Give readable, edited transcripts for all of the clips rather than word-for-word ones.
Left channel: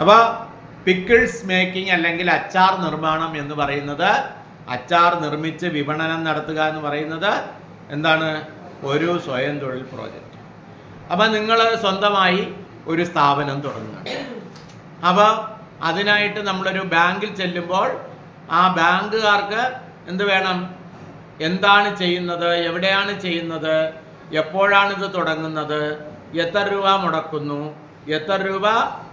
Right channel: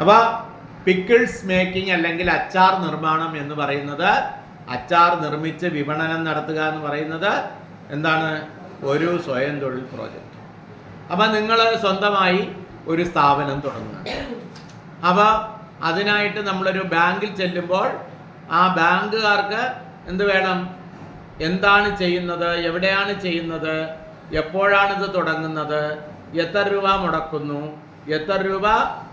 അപ്പോൾ pickles making അല്ലെങ്കിൽ അച്ചാർ നിർമ്മാണം എന്ന് പറയുന്നത്, അച്ചാർ നിർമ്മിച്ച് വിപണനം നടത്തുക എന്ന് പറയുന്നത് എന്താണ്? ഒരു സ്വയം തൊഴിൽ പ്രോജക്റ്റ്. അപ്പം നിങ്ങൾ സ്വന്തമായി ഒരു സ്ഥാപനം തുടങ്ങുകയാണ്. അപ്പോൾ അതിനായിട്ട് നമ്മളൊരു ബാങ്കിൽ ചെല്ലുമ്പോൾ ആ ബാങ്കുകാർക്ക് എന്ത് വേണം? എന്താണ് ചെയ്യുന്നത്, എവിടെയാണ് ചെയ്യുന്നത്, എപ്പോഴാണിത് തുടങ്ങുന്നത്, എത്ര രൂപ മുടക്കുന്നു, എത്ര രൂപ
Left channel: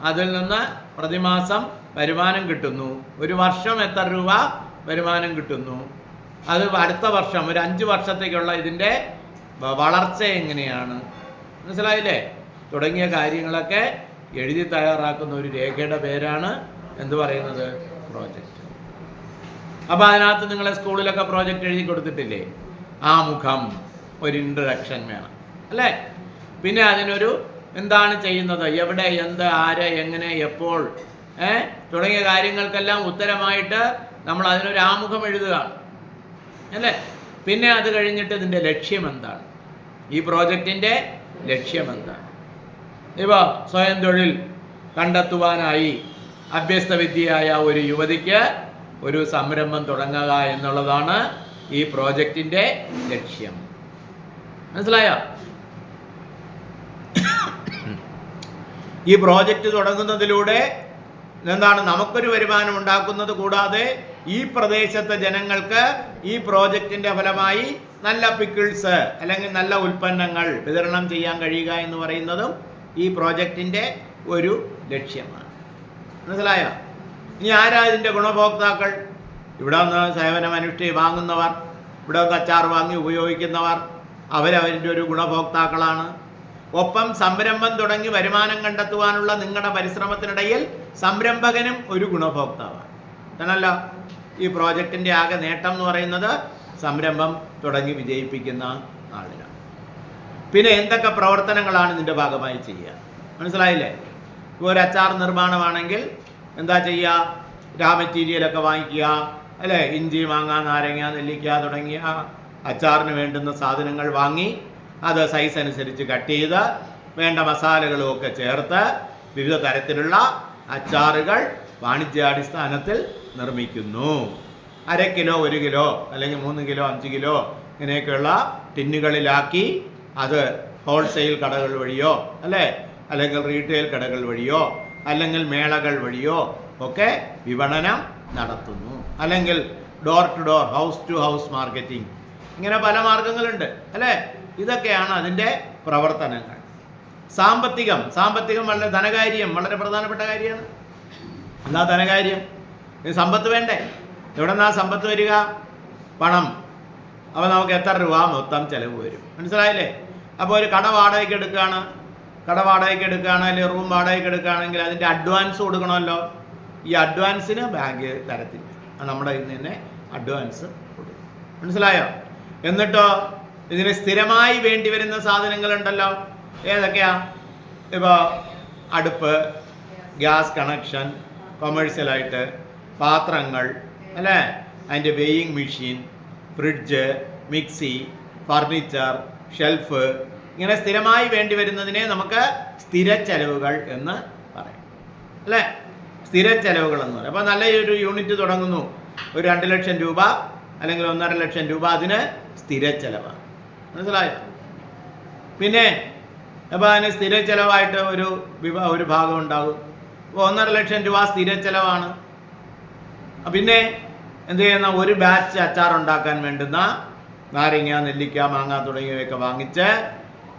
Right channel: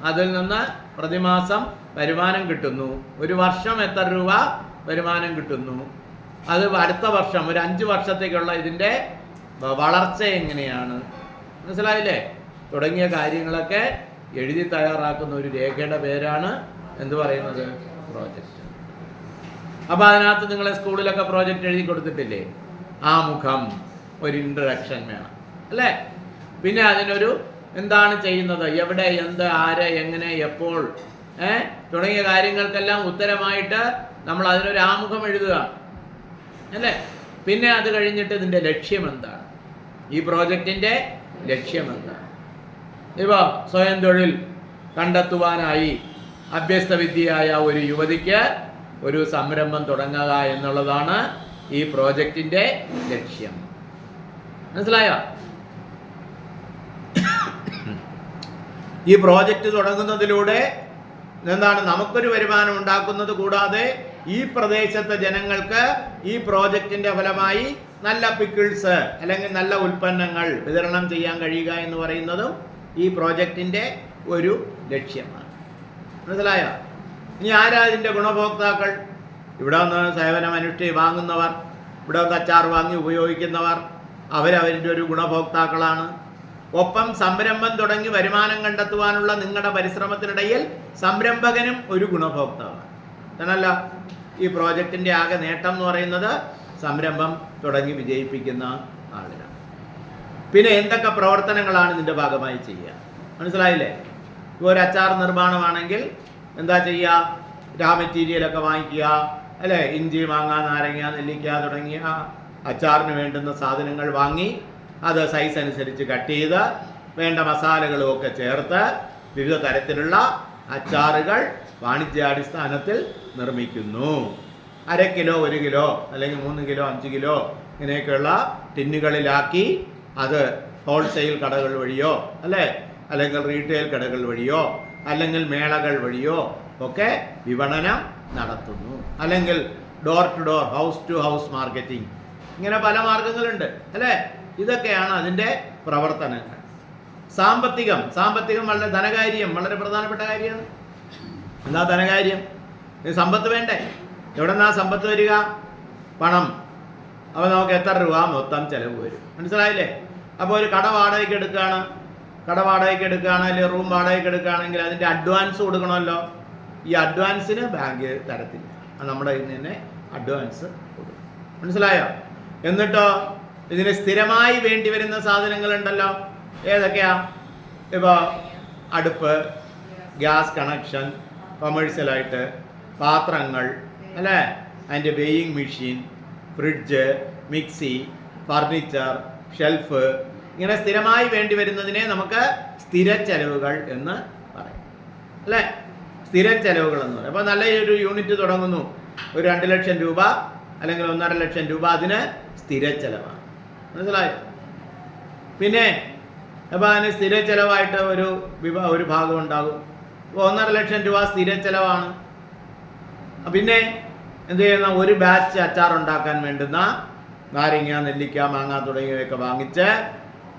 അതിൽ നിന്ന് പ്രതിമാസം വരുമാനം കിട്ടുന്നു, ഒരു വർഷം എത്ര രൂപ വരുമാനം കിട്ടുന്നു, അത് അടുത്ത വർഷം ഒരു 5 വർഷത്തേക്കുള്ള ഇതിൻ്റെ വളർച്ച എങ്ങനെയാണ്, മനസ്സിലായില്ലേ? തുടങ്ങിയ കാര്യങ്ങളൊക്കെ എഴുതി തയ്യാറാക്കുന്ന ഒരു രേഖയുടെ പേരാണ് എന്ത് പറയുന്നത്? പ്രോജക്റ്റ്. അപ്പോൾ അതിനകത്ത് നിങ്ങളെ സ്കൂളിലൊക്കെ പ്രോജക്റ്റ് എഴുതി കൊടുത്തിട്ടില്ലേ? ആമുഖം, ഒരു ഇൻട്രഡക്ഷൻ വേണം അല്ലേ? പിന്നെ അതിനൊരു എന്താണ് ചെയ്യുന്നത്, എവിടെ, എന്ത്, ആര്, എങ്ങനെ, എപ്പോൾ തുടങ്ങിയ കാര്യങ്ങൾക്കെല്ലാം ഉത്തരമായിട്ട് നമ്മൾ അതിനൊരു ആമുഖം എഴുതുക അല്ലേ? പിന്നെ അത് കഴിഞ്ഞിട്ട് ഇതിൻ്റെ ലക്ഷ്യം എന്താണ്, ഈ പ്രോജക്റ്റിൻ്റെ ലക്ഷ്യം എന്താണ്? ഇപ്പോൾ സ്വയം തൊഴിൽ കണ്ടെത്തുവാനായി അഭ്യസ്തവിദ്യയായ ഒരു യുവതിക്ക് ഒരു സംരംഭം തുടങ്ങുക എന്നുള്ളതാണ് ഈ പ്രോജക്റ്റിൻ്റെ ലക്ഷ്യം. മനസ്സിലായോ? ഈ പ്രോജക്റ്റ് തുടങ്ങുന്നതിലൂടെ എന്താണ്? നമുക്കൊരു വരുമാനം ഉണ്ടാക്കുന്നത് കൂടാതെ ഈ പ്രദേശത്തെ ജനങ്ങൾക്ക് ഈ പ്രോജക്റ്റിൻ്റെ ഫലമായി നല്ല പിക്കിൾസ് അല്ലെങ്കിൽ നല്ല ഉൽപ്പന്നങ്ങൾ വിതരണം ചെയ്യാൻ കഴിയുക എന്ന് പറയുന്നതും ഈ പ്രോജക്റ്റിൻ്റെ ഒരു ലക്ഷ്യമാണ്. മനസ്സിലായോ? ഇനി ആരാ ഇതിൻ്റെ ഗുണഭോക്താക്കൾ? ഇവിടെ നിന്ന് സേവനം വാങ്ങുന്നവർ, ഇവിടെ നിന്ന് അച്ചാർ വാങ്ങി ഉപയോഗിക്കുന്നവർ, അവരവരുടെ ഒരു ഗുണഭോക്താക്കളാണ്. ഒപ്പം സംരംഭം തുടങ്ങി വരുമാനം കണ്ടെത്തുവാനുള്ള നിങ്ങളുടെ പരിശ്രമത്തിനിടയിൽ സംരംഭകനും ഒരു ഗുണഭോക്താവാണ്. അതല്ല ഈ പ്രോജക്റ്റിൻ്റെ ആകെ നേട്ടം എന്ന് പറയുന്നത് സംരംഭം തുടങ്ങി വിജയിപ്പിക്കുന്ന ആളിനാണ്. പിന്നെ എന്തൊക്കെ പ്രവർത്തനങ്ങളാണ് ഇതിൻ്റെ ഭാഗമായി ചെയ്യുക? മനസ്സിലായില്ലേ? ഇപ്പോൾ ഒരു അച്ചാർ നിർമ്മാണമാണെങ്കിൽ എന്താ ചെയ്യുക? രാ മെറ്റീരിയലൊക്കെ വാങ്ങിക്കുക അല്ലേ? ഇഞ്ചി, മാങ്ങ, നാരങ്ങ, നെല്ലിക്ക തുടങ്ങിയ അച്ചാറിന് വേണ്ടുന്ന സാധനങ്ങൾ വാങ്ങി അത് സൈസ് അനുസരിച്ച് കട്ട് ചെയ്ത് വേണ്ട മസാലകളും ഒക്കെ ചേർത്ത് വിവിധ തരത്തിലുള്ള അച്ചാറുകൾ വാണിജ്യാടിസ്ഥാനത്തിൽ നിർമ്മിക്കുന്നു. 1/2 കിലോ, 1 കിലോ അല്ലെങ്കിൽ 3 കിലോ, 5 കിലോ ഇങ്ങനെയൊക്കെയുള്ള ടിന്നുകളിലാക്കി അത് ഹോൾസെയിൽ കടകൾ വഴിയോ അല്ലേ, അല്ലെങ്കിൽ റീറ്റെയിൽ കടകൾ വഴിയോ അല്ലെങ്കിൽ മേളകൾ വഴിയോ ഒക്കെ വിപണനം നടത്തുന്നു. അല്ലെങ്കിൽ door to door, house to house marketing, ഇങ്ങനെ പല മാർഗങ്ങളുണ്ട് അല്ലേ? ഇതൊക്കെയാണ് അതിൻ്റെ പ്രവർത്തനങ്ങൾ. സാമ്പത്തികം വളരെ ധനകാര്യം, വളരെ പ്രധാനപ്പെട്ട കാര്യമാണ്. എന്താ ധനകാര്യം? സമ്പത്ത് വേണ്ടേ? എവിടെ നിന്നാ സമ്പത്ത് വരിക? പണം. അപ്പോൾ നമുക്ക് എത്ര രൂപ മൊത്തം ചിലവ് വരും? മനസ്സിലായില്ലേ? അപ്പോൾ ഒരു കട വാടകയ്ക്ക് എടുക്കുകയാണ് അല്ലെങ്കിൽ റൂം വാടകയ്ക്ക് എടുക്കുകയാണെങ്കിൽ അതിൻ്റെ അഡ്വാൻസ് കൊടുക്കണമല്ലോ. ഈ അഡ്വാൻസിന് ബാങ്ക് തരത്തില്ല, നമ്മുടെ കയ്യിൽ നിന്ന് തന്നെ അഡ്വാൻസ് കൊടുക്കും. മനസ്സിലായോ? എന്നിട്ടോ ഇതിന് സ്ഥിരമായി വേണ്ടി വരുന്ന സാധനങ്ങളുണ്ടല്ലോ. ഏതൊക്കെയാ? ഇപ്പോൾ അടുപ്പ്, ഗ്യാസ് കണക്ഷൻ, കൊമേഴ്സ്യലായിട്ട് പാത്രങ്ങൾ അല്ലേ, അതിൻ്റെ weighing machine, fridge, mixie, furniture, shelf, ഇങ്ങനെ സ്ഥിരമായി വേണ്ടി വരുന്നതിനെ നമുക്ക് സ്ഥിര ചെലവുകൾ എന്ന് പറയാം അല്ലേ? സ്ഥിര ചെലവുകൾ എന്ന് പറയും. അപ്പോൾ നല്ല ഒരു യൂണിറ്റ് തുടങ്ങുന്നു, ഒരു 2 ലക്ഷം രൂപ അല്ലെങ്കിൽ 1.5 ലക്ഷം രൂപ, അതിന് സ്ഥിര ചെലവാണ്. മനസ്സിലായോ? പിന്നെ അപ്പോൾ അതിന് സ്ഥിര ചെലവായിട്ട് ഒരു ഭാഗം ഉണ്ടാകും. അപ്പോൾ 1.5 ലക്ഷം രൂപ സ്ഥിര ചെലവാണ്. പിന്നെ എന്ത് ചെയ്യുന്ന, ഒരു ബാച്ച് അച്ചാർ ഉണ്ടാക്കാൻ വേണ്ടുന്ന നാരങ്ങ, നെല്ലിക്ക, മാങ്ങ തുടങ്ങിയവയൊക്കെ വാങ്ങിച്ച്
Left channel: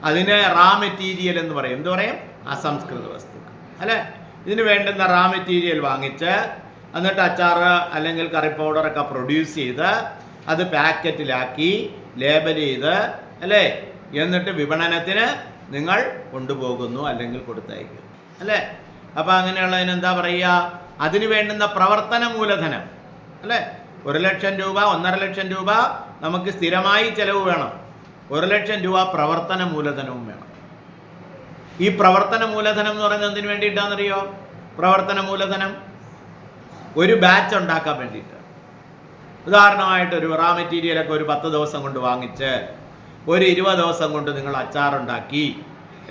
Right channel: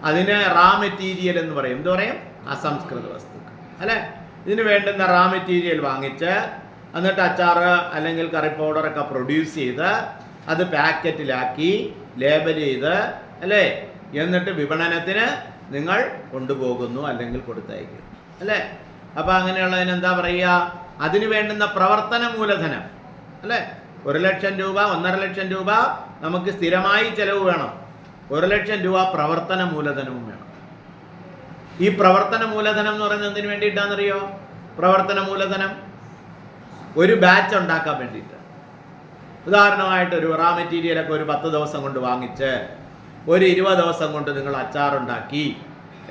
അതിന് റാ മെറ്റീരിയൽ എന്ന് പറയും. എന്ത് പറയും? അസംസ്കൃത വസ്തുക്കൾ അല്ലേ? ഇതിന് വേണ്ടുന്ന റാ മെറ്റീരിയൽ വാങ്ങിച്ച് എന്നിട്ട് അച്ചാർ അല്ലെങ്കിൽ കറി പൗഡറൊക്കെ പ്രൊഡ്യൂസ് ചെയ്ത് അത് പാക്കറ്റിലാക്കി ലേബൽ ചെയ്ത് അല്ലേ, എന്നിട്ട് വിപണനത്തിന് നിങ്ങൾ കൊണ്ടുപോകുന്നു അല്ലെങ്കിൽ കൊടുത്തയക്കുന്നു അല്ലേ? അപ്പോൾ അങ്ങനെയുള്ളതിന് എന്താ പറയുക? അതിന് വേണ്ടുന്ന പ്രവർത്തന മൂലധനം അല്ലേ? 1 ലക്ഷം രൂപ, 1.5 ലക്ഷം രൂപ നമുക്ക് സ്ഥിരമായി ചിലവ് വേണം. 1 ലക്ഷം രൂപ പ്രവർത്തന മൂലധനവും വേണം. ഈ പ്രവർത്തന മൂലധനം എന്ന് പറയുന്നത് എന്തിനു വേണ്ടിയിട്ടാണെന്നറിയോ? പ്രവർത്തന മൂലധനം ഒരു ബാച്ച് ഉണ്ടാക്കാൻ വേണ്ടിയിട്ട്. ഉദാഹരണമായിട്ട് ഒരു റാ മെറ്റീരിയലൊക്കെ ഒരു 10 ദിവസം കൊണ്ട് വാങ്ങിച്ച് ഒരു 20 ദിവസം കൊണ്ട് നിങ്ങൾ അച്ചാറുണ്ടാക്കി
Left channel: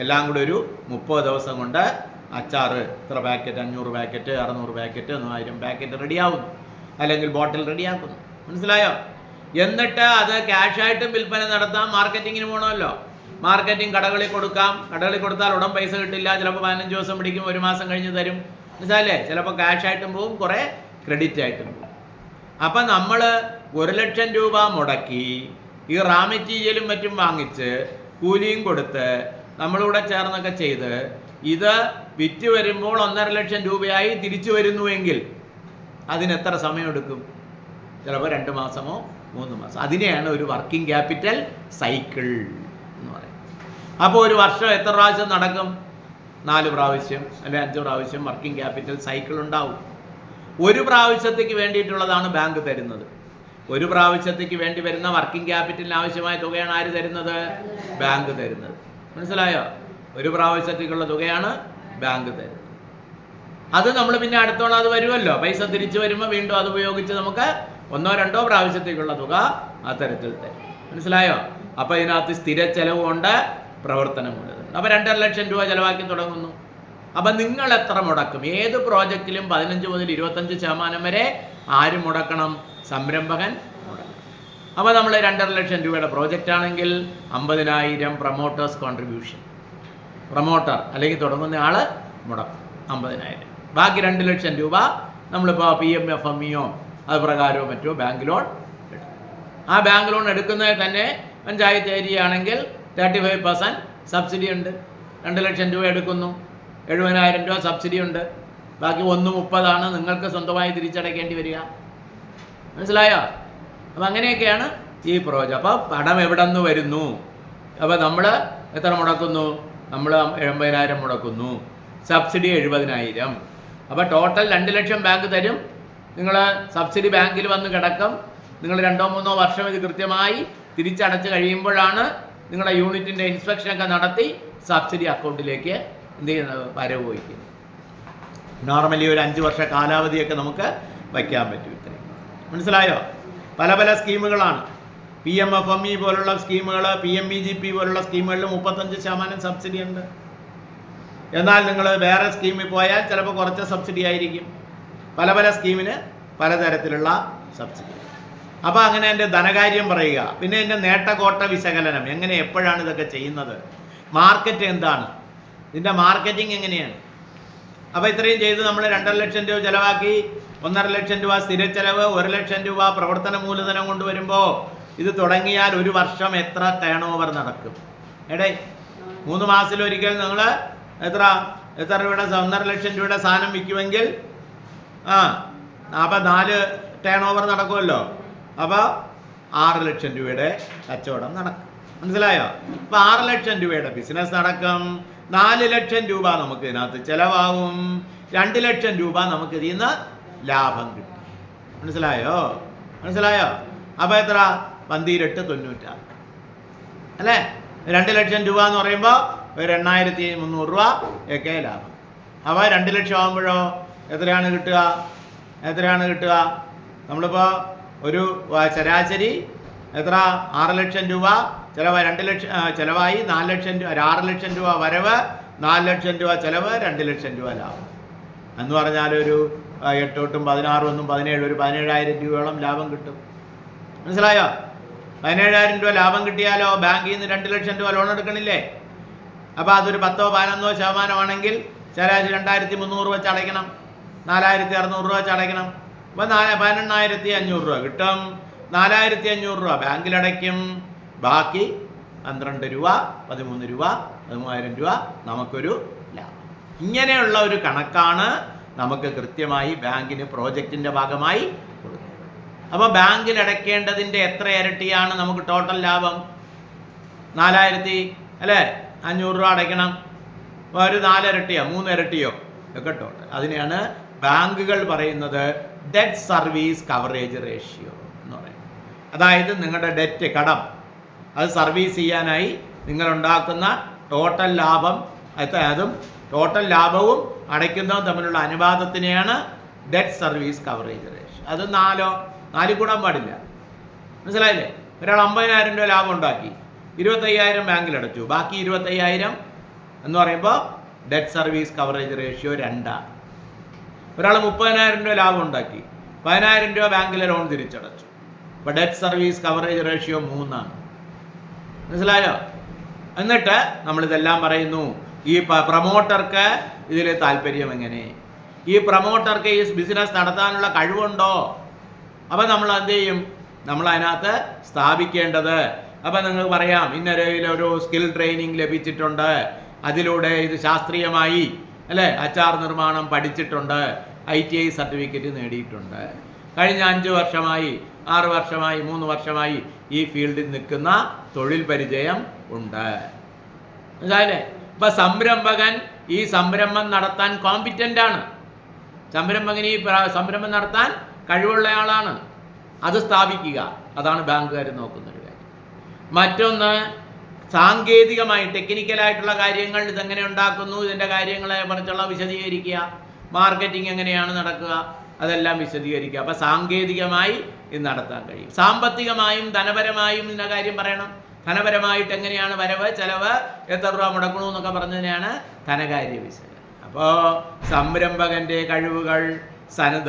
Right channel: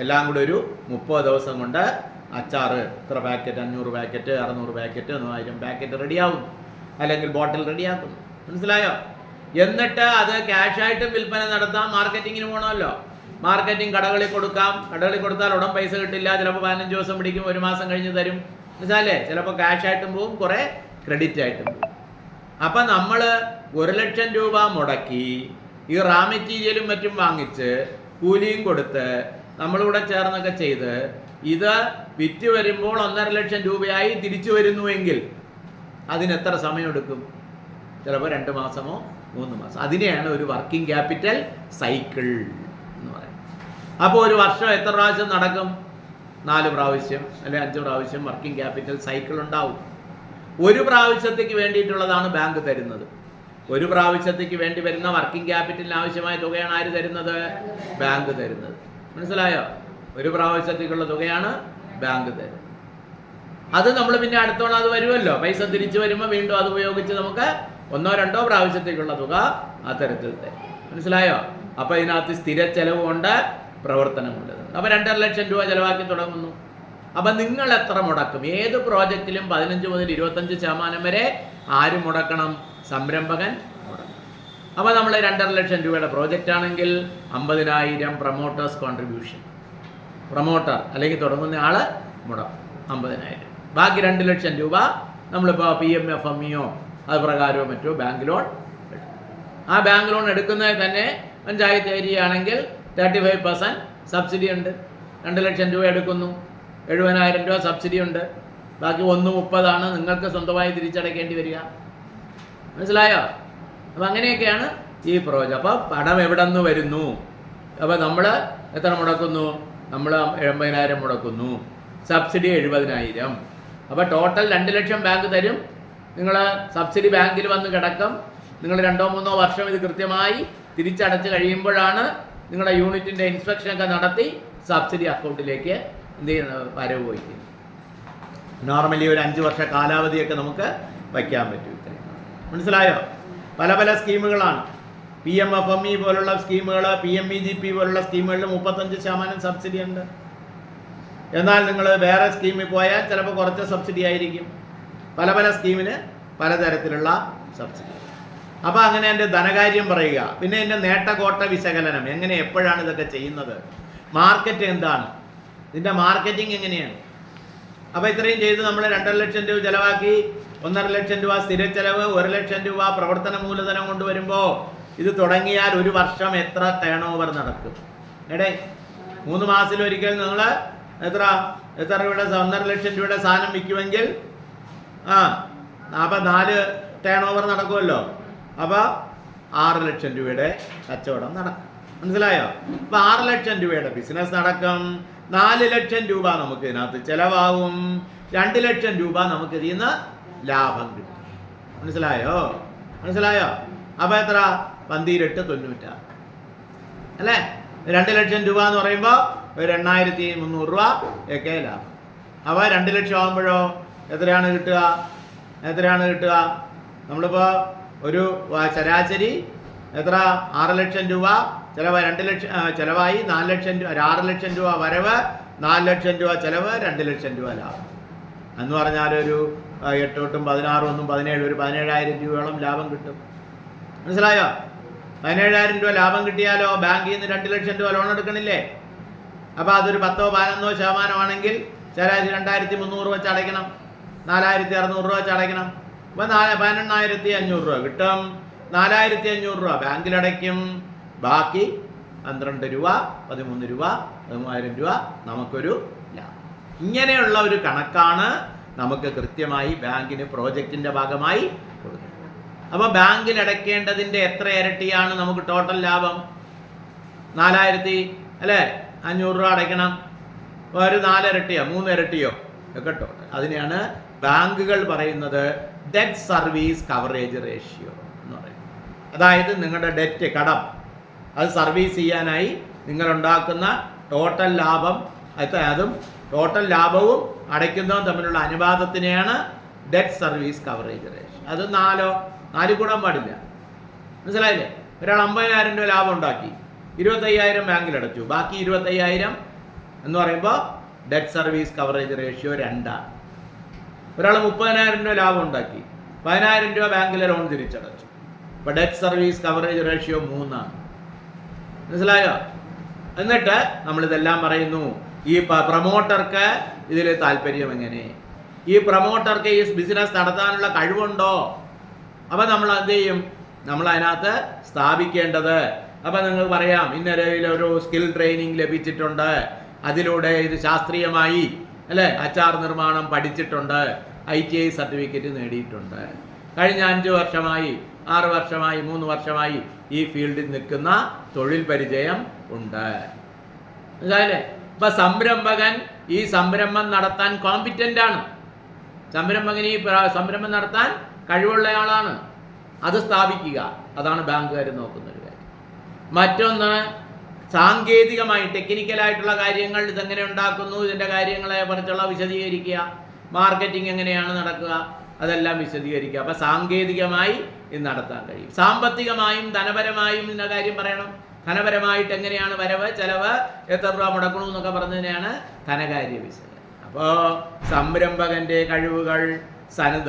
എല്ലാം കൂടെ ഒരു 30 ദിവസം കൊണ്ട് അച്ചാറ് ഇത്ര പാക്കറ്റ്, 500 പാക്കറ്റ്, 600 പാക്കറ്റ്, 1000 പാക്കറ്റ് റെഡിയാവുന്നു, അല്ലെങ്കിൽ ബോട്ടിൽ റെഡിയാക്കുന്നു. മനസ്സിലായോ? എന്നിട്ട് അത് ക്യാഷായിട്ടും വിൽപ്പന നടത്താം. മാർക്കറ്റിങ്ങിന് പോകണമല്ലോ. മാർക്കറ്റിംഗ് കടകളിൽ കൊടുക്കാം. കടകളിൽ കൊടുത്താൽ ഉടൻ പൈസ കിട്ടില്ല, ചിലപ്പോൾ 15 ദിവസം പിടിക്കും, 1 മാസം കഴിഞ്ഞ് തരും. മനസ്സിലായില്ലേ? ചിലപ്പോൾ ക്യാഷായിട്ടും പോവും, കുറേ ക്രെഡിറ്റ് ആയിട്ടും പോവും. അപ്പം നമ്മൾ 1 ലക്ഷം രൂപ മുടക്കി ഈ റാ മെറ്റീരിയലും മറ്റും വാങ്ങിച്ച് കൂലിയും കൊടുത്ത് നമ്മളിവിടെ ചേർന്നൊക്കെ ചെയ്ത് ഇത് വിറ്റ് വരുമ്പോൾ 1.5 ലക്ഷം രൂപയായി തിരിച്ചു വരുന്നുവെങ്കിൽ അതിന് എത്ര സമയമെടുക്കും? ചിലപ്പോൾ 2 മാസമോ 3 മാസം. അതിനെയാണ് ഒരു വർക്കിംഗ് ക്യാപിറ്റൽ സൈക്കിൾ എന്ന് പറയുന്നത്. അപ്പോൾ ഒരു വർഷം എത്ര പ്രാവശ്യം നടക്കും? 4 പ്രാവശ്യം അല്ലെങ്കിൽ 5 പ്രാവശ്യം വർക്കിംഗ് ക്യാപിറ്റൽ സൈക്കിൾ ഉണ്ടാവും. ഒരു പ്രാവശ്യത്തേക്ക് വേണ്ടിയിട്ടുള്ളതാണ് ബാങ്ക് തരുന്നത്. ഒരു പ്രാവശ്യത്തേക്ക് വേണ്ടി വരുന്ന വർക്കിംഗ് ക്യാപിറ്റലിന് ആവശ്യമായ തുകയാണ് ആര് തരുന്നത്? ബാങ്ക് തരുന്നത്. മനസ്സിലായോ? ഒരു പ്രാവശ്യത്തേക്കുള്ള തുകയാണ് ബാങ്ക് തരുന്നത്. അത് നമ്മൾ പിന്നെ അടുത്തോളം അത് വരുമല്ലോ, പൈസ തിരിച്ചു വരുമ്പോൾ വീണ്ടും അത് ഉപയോഗിച്ച് നമുക്ക് 1 or 2 പ്രാവശ്യത്തേക്കുള്ള തുക അത്തരത്തിൽ തരും. മനസ്സിലായോ? അപ്പോൾ ഇതിനകത്ത് സ്ഥിര ചെലവുണ്ട്, പ്രവർത്തനമുണ്ട്. അപ്പോൾ 2.5 ലക്ഷം രൂപ ചിലവാക്കി തുടങ്ങുന്നു. അപ്പം നിങ്ങൾ എത്ര മുടക്കും? ഏത് പ്രോജക്റ്റിലും 15 മുതൽ 25% വരെ ആര് മുടക്കണം? സംരംഭകൻ മുടക്കണം. അപ്പോൾ നമ്മൾ 2.5 ലക്ഷം രൂപയുടെ പ്രോജക്റ്റ് ആണെങ്കിൽ 50,000 പ്രൊമോട്ടേഴ്സ് കോൺട്രിബ്യൂഷൻ, പ്രൊമോട്ടർ അല്ലെങ്കിൽ തുടങ്ങുന്ന ആൾ മുടക്കും 50,000. ബാക്കി 2 ലക്ഷം രൂപ നമ്മളിപ്പോൾ PMFMEയോ അത് പ്രകാരമോ മറ്റോ ബാങ്ക് ലോൺ എടുക്കും. ആ ബാങ്ക് ലോൺ എടുക്കുന്നതിൽ തന്നെ പഞ്ചായത്ത് ഏരിയ ആണെങ്കിൽ 35% സബ്സിഡി ഉണ്ട്. 2 ലക്ഷം രൂപ എടുക്കുന്നു, 70,000 രൂപ സബ്സിഡി ഉണ്ട്. ബാക്കി 1.30 നിങ്ങൾക്ക് സ്വന്തമായി തിരിച്ചടയ്ക്കേണ്ടി വരിക. മനസ്സിലായോ? അപ്പം അങ്ങനെയൊക്കെയാണ് ഈ പ്രോജക്റ്റ്. അപ്പോൾ പണം എവിടെ നിന്ന് വരുന്നു? അപ്പോൾ നമ്മൾ എത്ര മുടക്കുന്നു? നമ്മൾ 80,000 മുടക്കുന്നു, സബ്സിഡി 70,000. അപ്പോൾ ടോട്ടൽ 2 ലക്ഷം ബാങ്ക് തരും. നിങ്ങൾ സബ്സിഡി ബാങ്കിൽ വന്ന് കിടക്കും. നിങ്ങൾ 2-3 വർഷം ഇത് കൃത്യമായി തിരിച്ചടച്ച് കഴിയുമ്പോഴാണ് നിങ്ങളുടെ യൂണിറ്റിൻ്റെ ഇൻസ്പെക്ഷനൊക്കെ നടത്തി സബ്സിഡി അക്കൗണ്ടിലേക്ക് എന്ത് ചെയ്യുന്നത്? വരവ് വയ്ക്കും. നോർമലി ഒരു 5 വർഷ കാലാവധിയൊക്കെ നമുക്ക് വയ്ക്കാൻ പറ്റും. ഇത്രയും മനസ്സിലായോ? പല പല സ്കീമുകളാണ്. PMFME പോലുള്ള സ്കീമുകൾ, PMEGP പോലുള്ള സ്കീമുകളിൽ 35% സബ്സിഡി ഉണ്ട്. എന്നാൽ നിങ്ങൾ വേറെ സ്കീമിൽ പോയാൽ ചിലപ്പോൾ കുറച്ച് സബ്സിഡി ആയിരിക്കും. പല പല സ്കീമിന് പലതരത്തിലുള്ള സബ്സിഡി. അപ്പോൾ അങ്ങനെ എൻ്റെ ധനകാര്യം പറയുക. പിന്നെ എൻ്റെ നേട്ടകോട്ട വിശകലനം, എങ്ങനെ എപ്പോഴാണ് ഇതൊക്കെ ചെയ്യുന്നത്, മാർക്കറ്റ് എന്താണ്, ഇതിൻ്റെ മാർക്കറ്റിംഗ് എങ്ങനെയാണ്. അപ്പോൾ ഇത്രയും ചെയ്ത് നമ്മൾ 2.5 ലക്ഷം രൂപ ചിലവാക്കി, 1.5 ലക്ഷം രൂപ സ്ഥിര ചെലവ്, 1 ലക്ഷം രൂപ പ്രവർത്തന മൂലധനം കൊണ്ടുവരുമ്പോൾ ഇത് തുടങ്ങിയാൽ ഒരു വർഷം എത്ര ടേൺ ഓവർ നടക്കും? 3 മാസത്തിലൊരിക്കൽ നിങ്ങൾ എത്ര രൂപയുടെ 1.5 ലക്ഷം രൂപയുടെ സാധനം വിൽക്കുമെങ്കിൽ അപ്പോൾ 4 ടേൺ ഓവർ നടക്കുമല്ലോ. അപ്പോൾ 6 ലക്ഷം രൂപയുടെ കച്ചവടം നടക്കും. മനസ്സിലായോ? അപ്പോൾ 6 ലക്ഷം രൂപയുടെ ബിസിനസ് നടക്കും. 4 ലക്ഷം രൂപ നമുക്ക് ഇതിനകത്ത് ചിലവാകും. 2 ലക്ഷം രൂപ നമുക്ക് ഇതിൽ നിന്ന് ലാഭം കിട്ടും. മനസ്സിലായോ? അപ്പോൾ എത്ര? 12.96 അല്ലേ? 2 ലക്ഷം രൂപ എന്ന് പറയുമ്പോൾ ഒരു 8,300 രൂപ ഒക്കെ ലാഭം. അപ്പോൾ 2 ലക്ഷം ആകുമ്പോഴോ എത്രയാണ് കിട്ടുക? നമ്മളിപ്പോൾ ഒരു ശരാശരി എത്ര? 6 ലക്ഷം രൂപ ചിലവ്, 2 ലക്ഷം ചിലവായി, 4 ലക്ഷം രൂപ, 6 ലക്ഷം രൂപ വരവ്, 4 ലക്ഷം രൂപ ചിലവ്, 2 ലക്ഷം രൂപ ലാഭം എന്ന് പറഞ്ഞാൽ ഒരു 8 തൊട്ടും 16 ഒന്നും 17, ഒരു 17,000 രൂപയോളം ലാഭം കിട്ടും. മനസ്സിലായോ? 17,000 രൂപ ലാഭം കിട്ടിയാലോ ബാങ്കിൽ നിന്ന് 2 ലക്ഷം രൂപ ലോൺ എടുക്കണില്ലേ? അപ്പോൾ അതൊരു 10-11% ആണെങ്കിൽ ശരാശരി 2,300 വെച്ച് അടയ്ക്കണം, 4,600 രൂപ വെച്ച് അടയ്ക്കണം. അപ്പോൾ 18,500 രൂപ കിട്ടും. 4,500 രൂപ ബാങ്കിലടയ്ക്കും. ബാക്കി 12 രൂപ, 13 രൂപ, 13,000 രൂപ നമുക്കൊരു ലാഭം. ഇങ്ങനെയുള്ള ഒരു കണക്കാണ് നമുക്ക് കൃത്യമായി ബാങ്കിന് പ്രോജക്റ്റിൻ്റെ ഭാഗമായി കൊടുക്കുന്നത്. അപ്പോൾ ബാങ്കിൽ അടയ്ക്കേണ്ടതിൻ്റെ എത്ര ഇരട്ടിയാണ് നമുക്ക് ടോട്ടൽ ലാഭം? 4,500 രൂപ അടയ്ക്കണം. ഒരു 4 ഇരട്ടിയോ 3 ഇരട്ടിയോ ഒക്കെ ടോട്ടൽ. അതിനെയാണ് ബാങ്കുകൾ പറയുന്നത് ഡെറ്റ് സർവീസ് കവറേജ് റേഷ്യോ എന്ന് പറയുന്നത്. അതായത് നിങ്ങളുടെ ഡെറ്റ്, കടം, അത് സർവീസ് ചെയ്യാനായി നിങ്ങളുണ്ടാക്കുന്ന ടോട്ടൽ ലാഭം, അതും ടോട്ടൽ ലാഭവും അടയ്ക്കുന്നതും തമ്മിലുള്ള അനുപാതത്തിനെയാണ് ഡെറ്റ് സർവീസ് കവറേജ് റേഷ്യോ. അത് 4 കൂടാൻ പാടില്ല. മനസ്സിലായില്ലേ? ഒരാൾ 50,000 രൂപ ലാഭം ഉണ്ടാക്കി, 25,000 ബാങ്കിലടച്ചു, ബാക്കി 25,000 എന്ന് പറയുമ്പോൾ ഡെറ്റ് സർവീസ് കവറേജ് റേഷ്യോ 2. ഒരാൾ 30,000 രൂപ ലാഭം ഉണ്ടാക്കി, 10,000 രൂപ ബാങ്കിലെ ലോൺ തിരിച്ചടച്ചു. അപ്പോൾ ഡെറ്റ് സർവീസ് കവറേജ് റേഷ്യോ 3. മനസ്സിലായോ? എന്നിട്ട് നമ്മളിതെല്ലാം പറയുന്നു, ഈ പ്രൊമോട്ടർക്ക് ഇതിൽ താല്പര്യം എങ്ങനെ, ഈ പ്രൊമോട്ടർക്ക് ഈ ബിസിനസ് നടത്താനുള്ള കഴിവുണ്ടോ? അപ്പം നമ്മൾ എന്ത് ചെയ്യും? നമ്മൾ അതിനകത്ത് സ്ഥാപിക്കേണ്ടത്, അപ്പം നിങ്ങൾക്ക് പറയാം ഇന്നൊരു സ്കിൽ ട്രെയിനിങ് ലഭിച്ചിട്ടുണ്ട്, അതിലൂടെ ഇത് ശാസ്ത്രീയമായി അല്ലേ അച്ചാർ നിർമ്മാണം പഠിച്ചിട്ടുണ്ട്, ITI സർട്ടിഫിക്കറ്റ് നേടിയിട്ടുണ്ട്, കഴിഞ്ഞ 5 വർഷമായി 6 വർഷമായി 3 വർഷമായി ഈ ഫീൽഡിൽ നിൽക്കുന്ന തൊഴിൽ പരിചയം ഉണ്ട്. മനസ്സിലായില്ലേ? ഇപ്പം സംരംഭകൻ ഈ സംരംഭം നടത്താൻ കോമ്പിറ്റൻ്റ് ആണ്, സംരംഭകൻ ഈ സംരംഭം നടത്താൻ കഴിവുള്ളയാളാണ്, അത് സ്ഥാപിക്കുക. അതാണ് ബാങ്കുകാർ നോക്കുന്നൊരു കാര്യം. മറ്റൊന്ന് സാങ്കേതികമായി ടെക്നിക്കലായിട്ടുള്ള കാര്യങ്ങൾ, ഇതെങ്ങനെ ഉണ്ടാക്കുന്നു, ഇതിൻ്റെ കാര്യങ്ങളെ കുറിച്ചുള്ള വിശദീകരിക്കുക, മാർക്കറ്റിംഗ് എങ്ങനെയാണ് നടക്കുക, അതെല്ലാം വിശദീകരിക്കുക. അപ്പം സാങ്കേതികമായി ഇത് നടത്താൻ കഴിയും. സാമ്പത്തികമായും ധനപരമായും ഇതിൻ്റെ കാര്യം പറയണം. ധനപരമായിട്ട് എങ്ങനെയാണ് വരവ് ചെലവ്, എത്ര രൂപ മുടക്കണമെന്നൊക്കെ പറഞ്ഞതിനാണ് ധനകാര്യ വിശകലനം. അപ്പോൾ സംരംഭകൻ്റെ കഴിവുകൾ,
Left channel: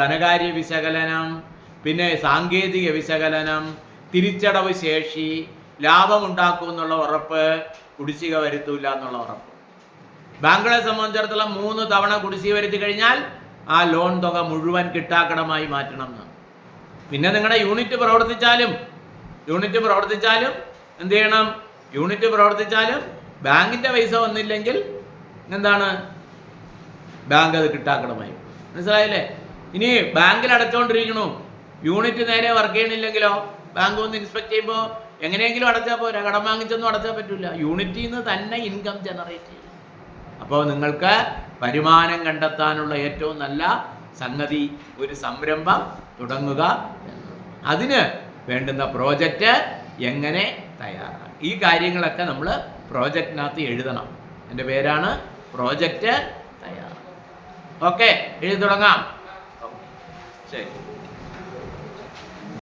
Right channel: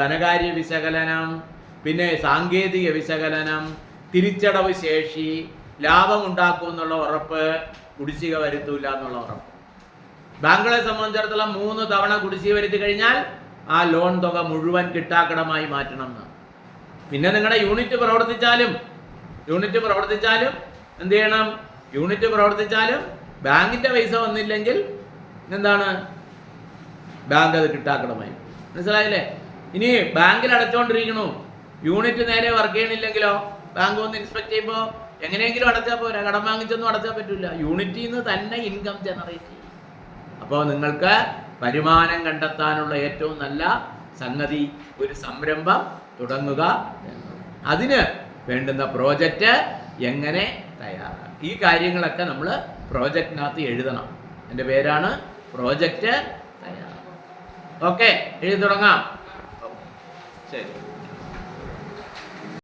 ധനകാര്യ വിശകലനം, പിന്നെ സാങ്കേതിക വിശകലനം, തിരിച്ചടവ് ശേഷി, ലാഭം ഉണ്ടാക്കുമെന്നുള്ള ഉറപ്പ്, കുടിശ്ശിക വരുത്തൂല്ല എന്നുള്ള ഉറപ്പ്. ബാങ്കുകളെ സംബന്ധിച്ചിടത്തോളം 3 തവണ കുടിശ്ശിക വരുത്തി കഴിഞ്ഞാൽ ആ ലോൺ തുക മുഴുവൻ കിട്ടാക്കടമായി മാറ്റണം എന്നാണ്. പിന്നെ നിങ്ങളുടെ യൂണിറ്റ് പ്രവർത്തിച്ചാലും എന്ത് ചെയ്യണം? യൂണിറ്റ് പ്രവർത്തിച്ചാലും ബാങ്കിൻ്റെ പൈസ വന്നില്ലെങ്കിൽ എന്താണ്? ബാങ്ക് അത് കിട്ടാക്കടമായി. മനസ്സിലായില്ലേ? ഇനി ബാങ്കിൽ അടച്ചുകൊണ്ടിരിക്കണു, യൂണിറ്റ് നേരെ വർക്ക് ചെയ്യണില്ലെങ്കിലോ ബാങ്ക് ഒന്ന് ഇൻസ്പെക്ട് ചെയ്യുമ്പോൾ എങ്ങനെയെങ്കിലും അടച്ചാൽ പോരാ, കടം വാങ്ങിച്ചൊന്നും അടച്ചാൽ പറ്റില്ല, യൂണിറ്റിൽ നിന്ന് തന്നെ ഇൻകം ജനറേറ്റ് ചെയ്യും. അപ്പോൾ നിങ്ങൾക്ക് വരുമാനം കണ്ടെത്താനുള്ള ഏറ്റവും നല്ല സംഗതി ഒരു സംരംഭം തുടങ്ങുക. അതിന് വേണ്ടുന്ന പ്രോജക്റ്റ് എങ്ങനെ തയ്യാറാക്കാം, ഈ കാര്യങ്ങളൊക്കെ നമ്മൾ പ്രോജക്റ്റിനകത്ത് എഴുതണം. എൻ്റെ പേരാണ് പ്രോജക്റ്റ് തയ്യാറാക്കുക. ഓക്കെ, എഴുതി തുടങ്ങാം. ശരി.